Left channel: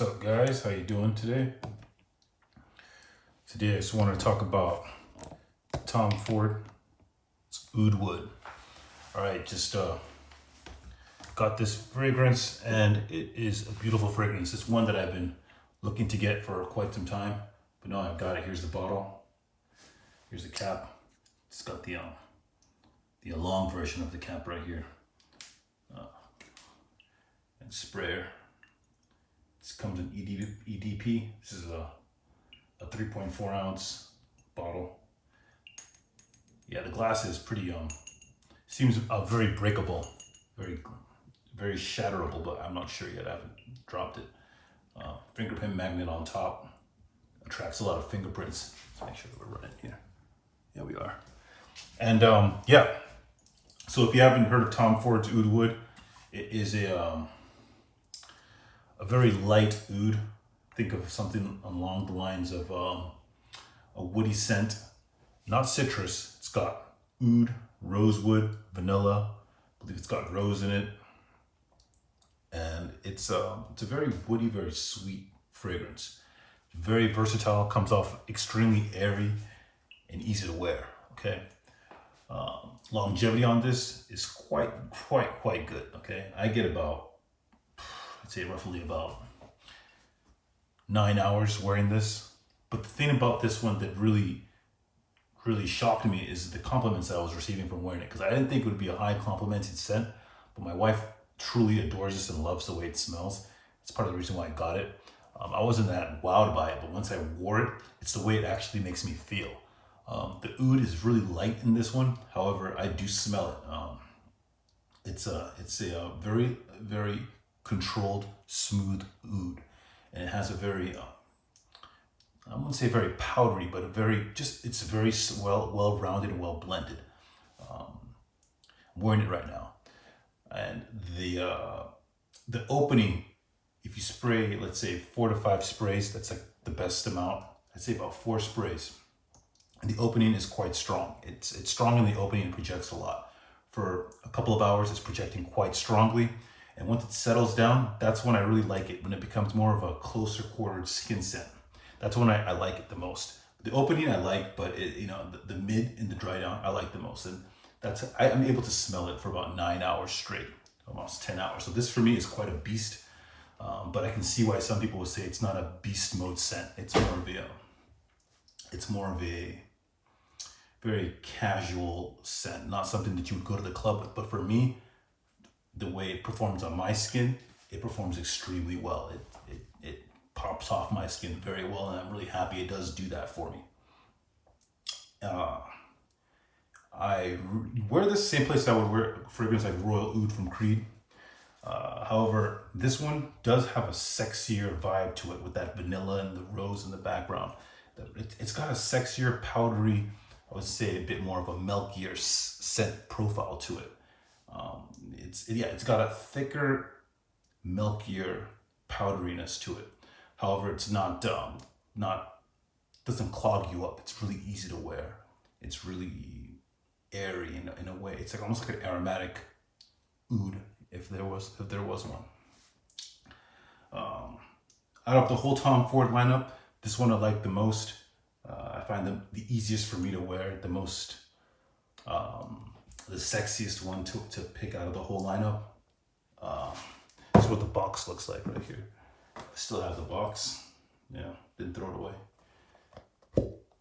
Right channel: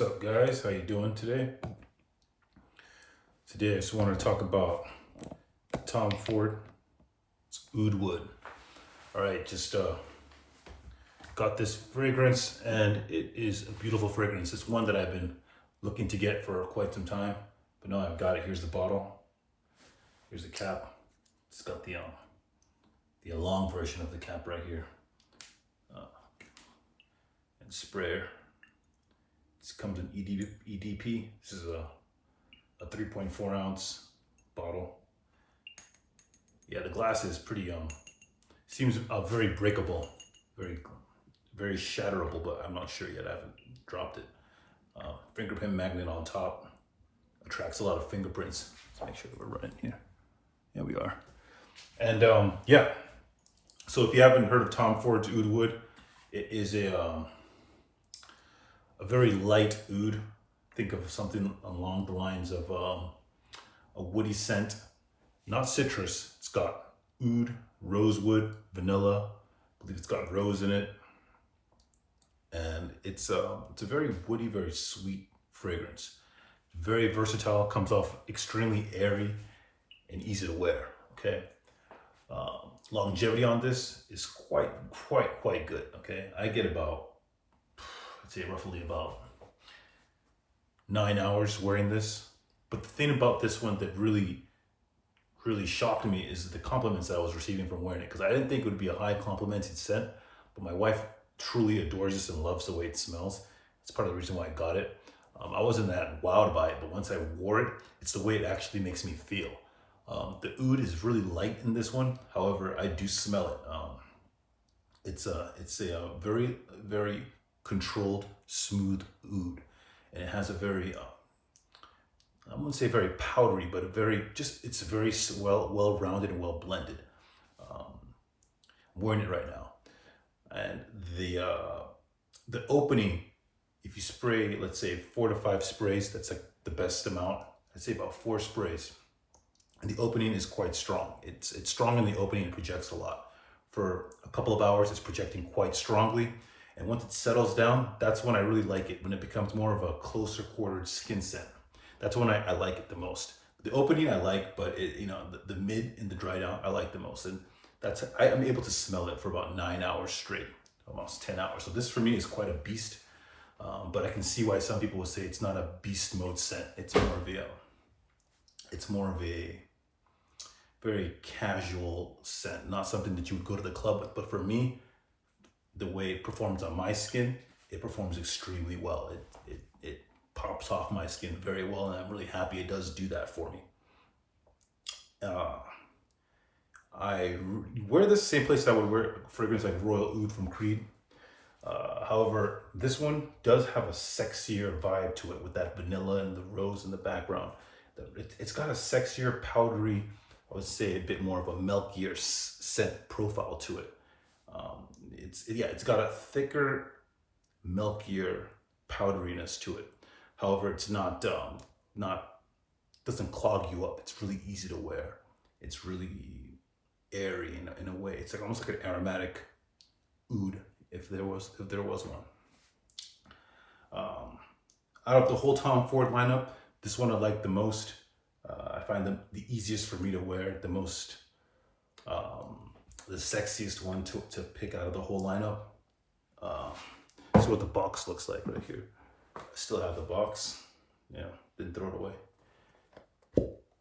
What's up, guys? How you doing today? Today, I just want to talk about Tom Ford Oud Wood. All right, just got this fragrance, and it is a beautiful fragrance. It's one that I've been looking to get for quite some time, but now I've got it. Here's the bottle. Here's the cap. It's got the long version of the cap right here, and sprayer. This comes in EDP. This is a 3.4 ounce bottle. Yeah, the glass is pretty seems very breakable, very shatterable, but I'm not sure yet. I haven't dropped it. Fingerprint magnet on top attracts a lot of fingerprints. Let's make sure we're running here. Yeah, we are. And yeah, so if you haven't heard of Tom Ford's Oud Wood, it is a very light oud. Think of something along the lines of a woody scent, not citrus. It's got oud, rosewood, vanilla. I believe it's got rose in it, and it's a very woody, very sweet fragrance. Very versatile. Comes off extremely airy and easy to wear. Okay. Longevity on this is quite good. Okay, I get about, I'd say roughly about 9 hours wearing this. But the thing about this one that really shocked me is the compliments I was receiving from wearing it, because I didn't think it would be a high complimented scent, but my wife truly adores this and loves the way it smells. It's part of the reason why I got it. I wasn't that wowed by it, but once I wore it, it's the way it actually makes me feel. The oud is really light in this one. However, I do smell it. It's a very controlled, smooth oud, and it has a very I wouldn't say very powdery, but it's very well rounded and well blended. I'm wearing it right now, and the opening, if you spray, let's say 4 to 5 sprays, that's like the best amount. I'd say about 4 sprays. And the opening is quite strong. It's strong in the opening. It projects a lot. For a couple of hours, it's projecting quite strongly. And once it settles down, that's when I really like it. When it becomes more of a closer quartered skin scent, that's when I like it the most. The opening I like, but the mid and the dry down I like the most. And I'm able to smell it for about 9 hours straight, almost 10 hours. So this for me is quite a beast. But I can see why some people would say it's not a beast mode scent. It's more of a very casual scent, not something that you would go to the club with. But for me, the way it performs on my skin, it performs extremely well. It pops off my skin very well, and I'm really happy it does do that for me. I wear this same place I would wear fragrance like Royal Oud from Creed. However, this one does have a sexier vibe to it with that vanilla and the rose in the background. It's got a sexier, powdery, I would say a bit more of a milkier scent profile to it. It's got a thicker, milkier powderiness to it. However, it's not doesn't clog you up. It's really easy to wear. It's really airy in a way. It's like almost like an aromatic oud, if there was one. Out of the whole Tom Ford lineup, this one I like the most. I find them the easiest for me to wear, the most, the sexiest one to pick out of the whole lineup. This is what the box looks like right here. I still have the box. Yeah, didn't throw it away.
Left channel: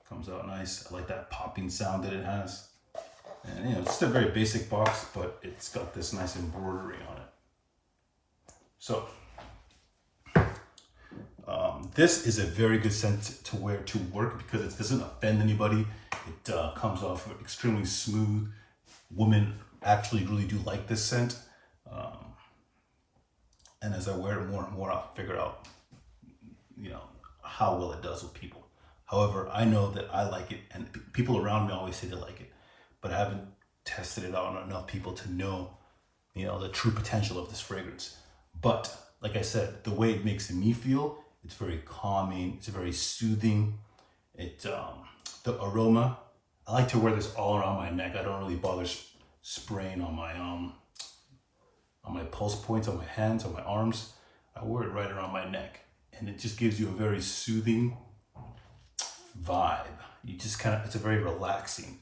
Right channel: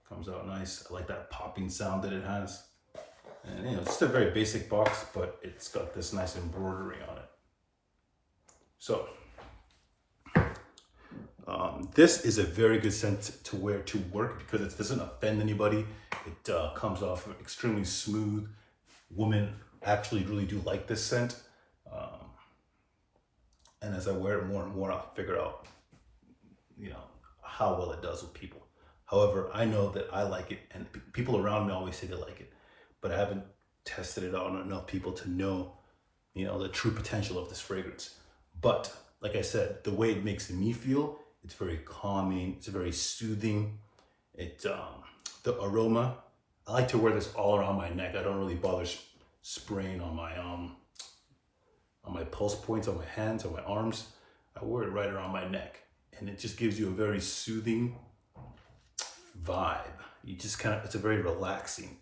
Comes out nice. I like that popping sound that it has. And it's just a very basic box, but it's got this nice embroidery on it. So this is a very good scent to wear to work because it doesn't offend anybody. It comes off extremely smooth. Women actually really do like this scent. And as I wear it more and more, I'll figure out, how well it does with people. However, I know that I like it, and people around me always say they like it, but I haven't tested it out on enough people to know, the true potential of this fragrance. But like I said, the way it makes me feel, it's very calming. It's very soothing. The aroma, I like to wear this all around my neck. I don't really bother spraying on my pulse points, on my hands, on my arms. I wear it right around my neck. and it just gives you a very soothing vibe. You just kind of, it's a very relaxing.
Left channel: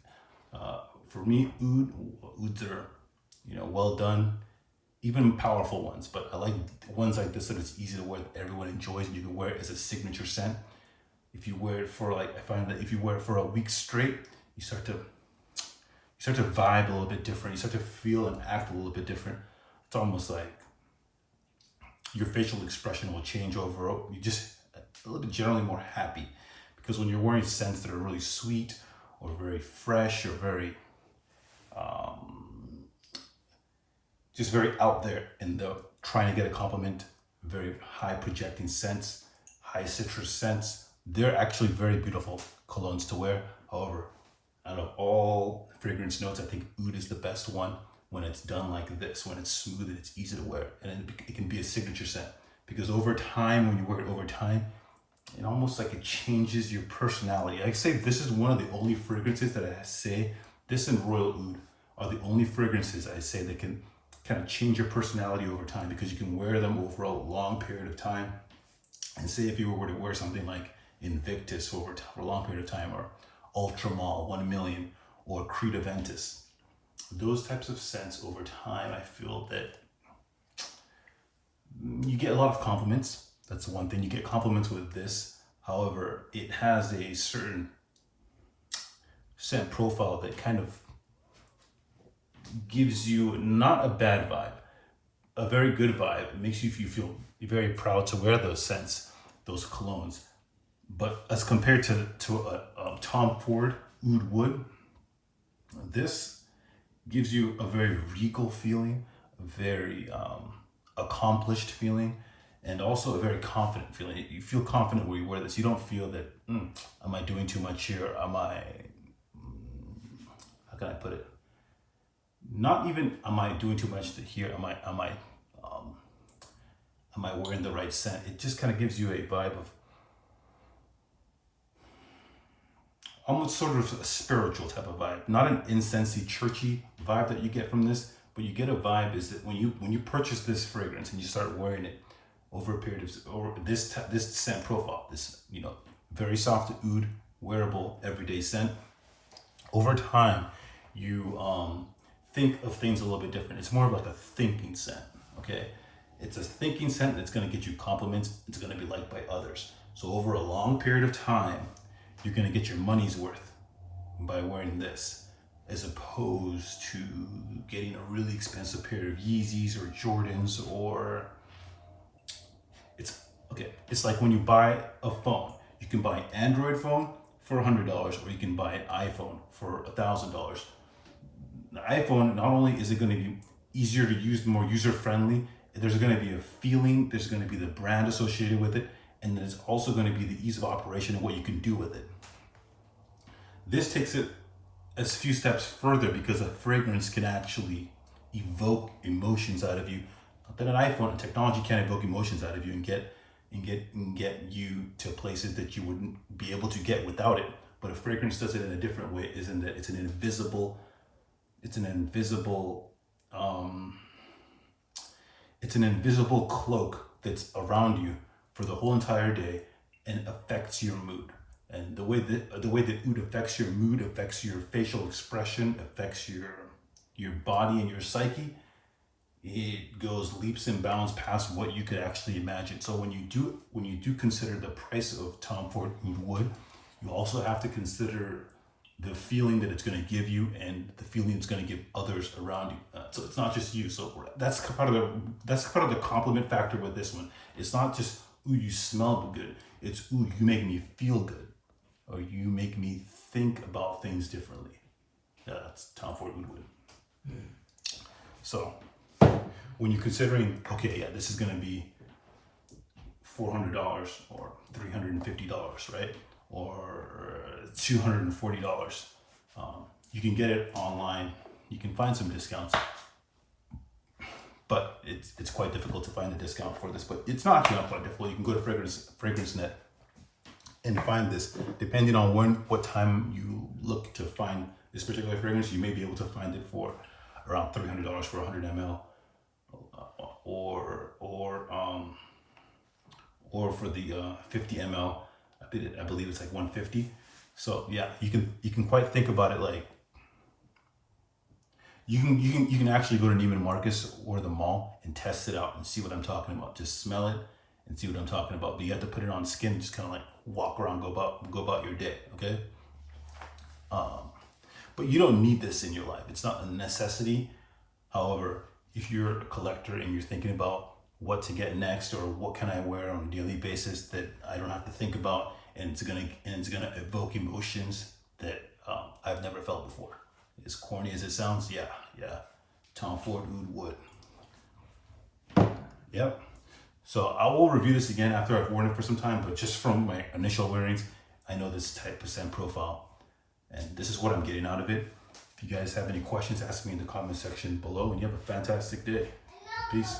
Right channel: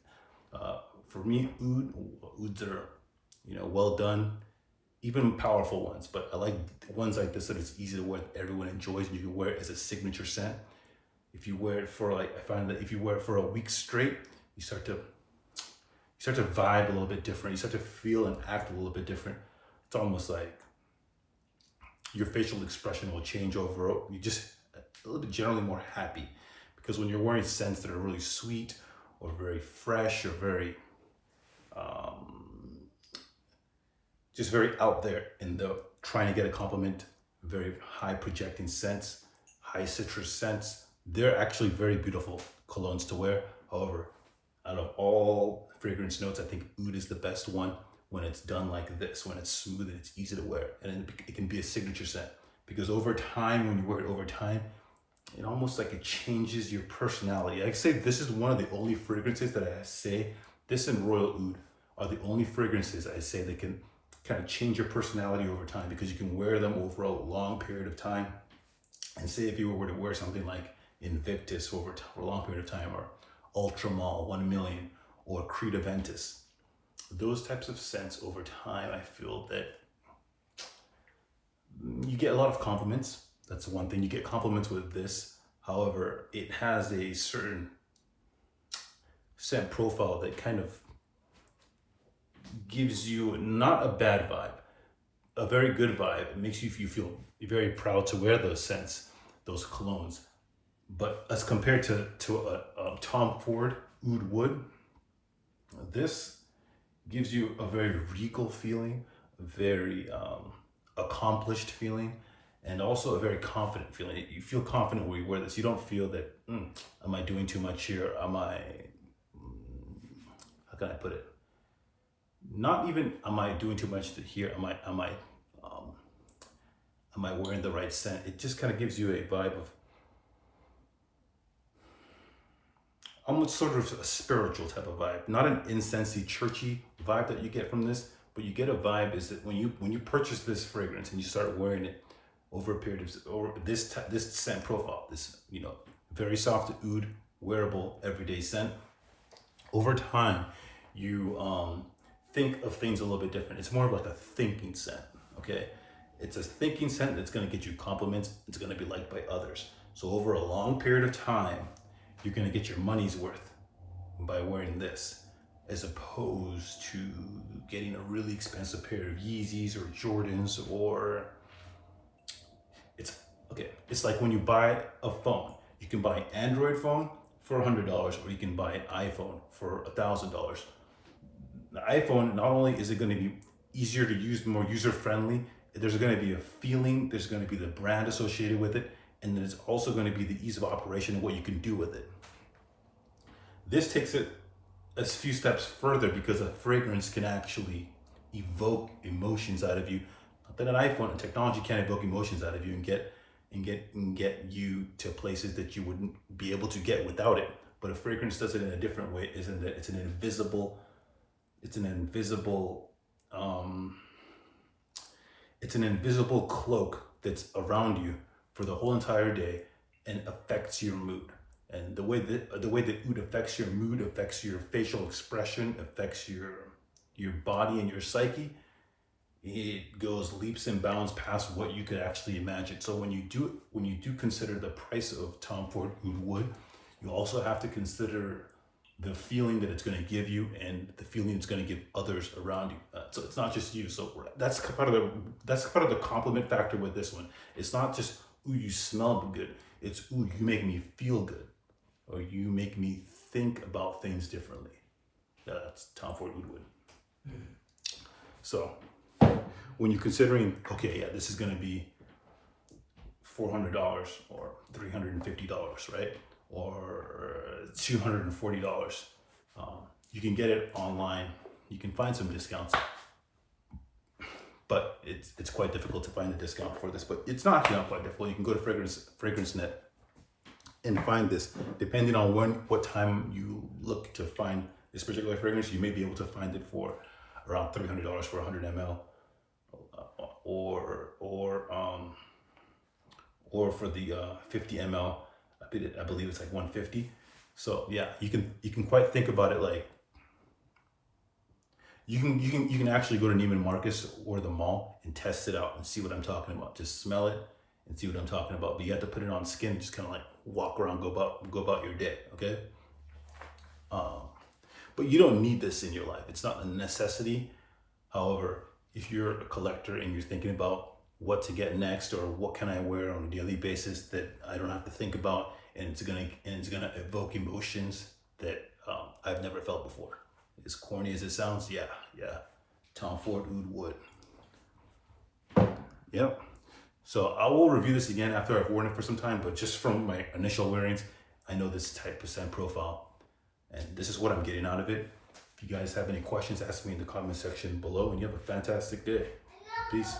For me, ouds are, well done, even powerful ones, but I like ones like this that it's easy to wear, that everyone enjoys, and you can wear it as a signature scent. If you wear it for I find that if you wear it for a week straight, you start to vibe a little bit different. You start to feel and act a little bit different. It's almost like your facial expression will change over. You just a little bit generally more happy, because when you're wearing scents that are really sweet or very fresh or very just very out there in the trying to get a compliment, very high projecting scents, high citrus scents, they're actually very beautiful colognes to wear. However, out of all fragrance notes, I think oud is the best one when it's done like this, when it's smooth and it's easy to wear. And it can be a signature scent, because over time, when you wear it over time, it almost like it changes your personality. I say this is one of the only fragrances that I say, this and Royal Oud are the only fragrances I say that can kind of change your personality over time, because you can wear them over a long period of time. And say if you were to wear something like Invictus over a long period of time, or Ultramall 1 million, or Creed Aventus, those types of scents over time, I feel that you get a lot of compliments. That's the one thing, you get compliments with this. However, it has a certain scent profile that kind of gives you not a bad vibe, a very good vibe. It makes you feel very proud to wear those scents, those colognes. But as compared to a Tom Ford Oud Wood, this gives you a very regal feeling, a very accomplished feeling, and also a very confident feeling. You feel confident when you wear this. You don't feel that, am I doing too much here? Am I, how can I put it? Not even, am I doing too much here? Am I wearing the right scent? It just kind of gives you a vibe of almost sort of a spiritual type of vibe, not an incensey, churchy vibe that you get from this, but you get a vibe is that when you purchase this fragrance and you start wearing it over a period of, over this scent profile, this very soft oud, wearable everyday scent, over time you think of things a little bit different. It's more of like a thinking scent, okay? It's a thinking scent that's gonna get you compliments. It's gonna be liked by others. So over a long period of time, you're gonna get your money's worth by wearing this, as opposed to getting a really expensive pair of Yeezys or Jordans, or it's like when you buy a phone. You can buy an Android phone for $100, or you can buy an iPhone for $1,000. The iPhone, not only is it going to be easier to use, more user-friendly, there's going to be a feeling, there's going to be the brand associated with it, and then it's also going to be the ease of operation and what you can do with it. This takes it a few steps further, because a fragrance can actually evoke emotions out of you. Not that an iPhone and technology can't evoke emotions out of you and get you to places that you wouldn't be able to get without it. But a fragrance does it in a different way, is in that it's an invisible cloak that's around you for the whole entire day and affects your mood. And the way that oud affects your mood, affects your facial expression, affects your body and your psyche, it goes leaps and bounds past what you could actually imagine. So when you do consider the price of Tom Ford Oud Wood, you also have to consider the feeling that it's going to give you and the feeling it's going to give others around you. So it's not just you. So that's part of the compliment factor with this one. It's not just, ooh, you smell good. It's, ooh, you make me feel good, or you make me think about things differently. That's Tom Ford Oud Wood. So when you're considering, okay, yeah, this is going to be $400 or $350, right? Or $240. You can get it online. You can find some discounts, but it's quite difficult to find a discount for this. But it's not quite difficult. You can go to FragranceNet and find this. Depending on what time you look to find this particular fragrance, you may be able to find it for around $300 for 100 ml, or for the 50 ml, I believe it's like 150. So yeah, you can quite think about it like you can actually go to Neiman Marcus or the mall and test it out and see what I'm talking about. Just smell it and see what I'm talking about. But you have to put it on skin, just kind of like walk around, go about your day, okay? But you don't need this in your life. It's not a necessity. However, if you're a collector and you're thinking about what to get next or what can I wear on a daily basis that I don't have to think about, and it's gonna evoke emotions that I've never felt before. As corny as it sounds, yeah. Tom Ford Oud Wood. Yep. So I will review this again after I've worn it for some time, but just from my initial wearings, I know this type of scent profile, and this is what I'm getting out of it. If you guys have any questions, ask me in the comment section below, and you have a fantastic day. Peace.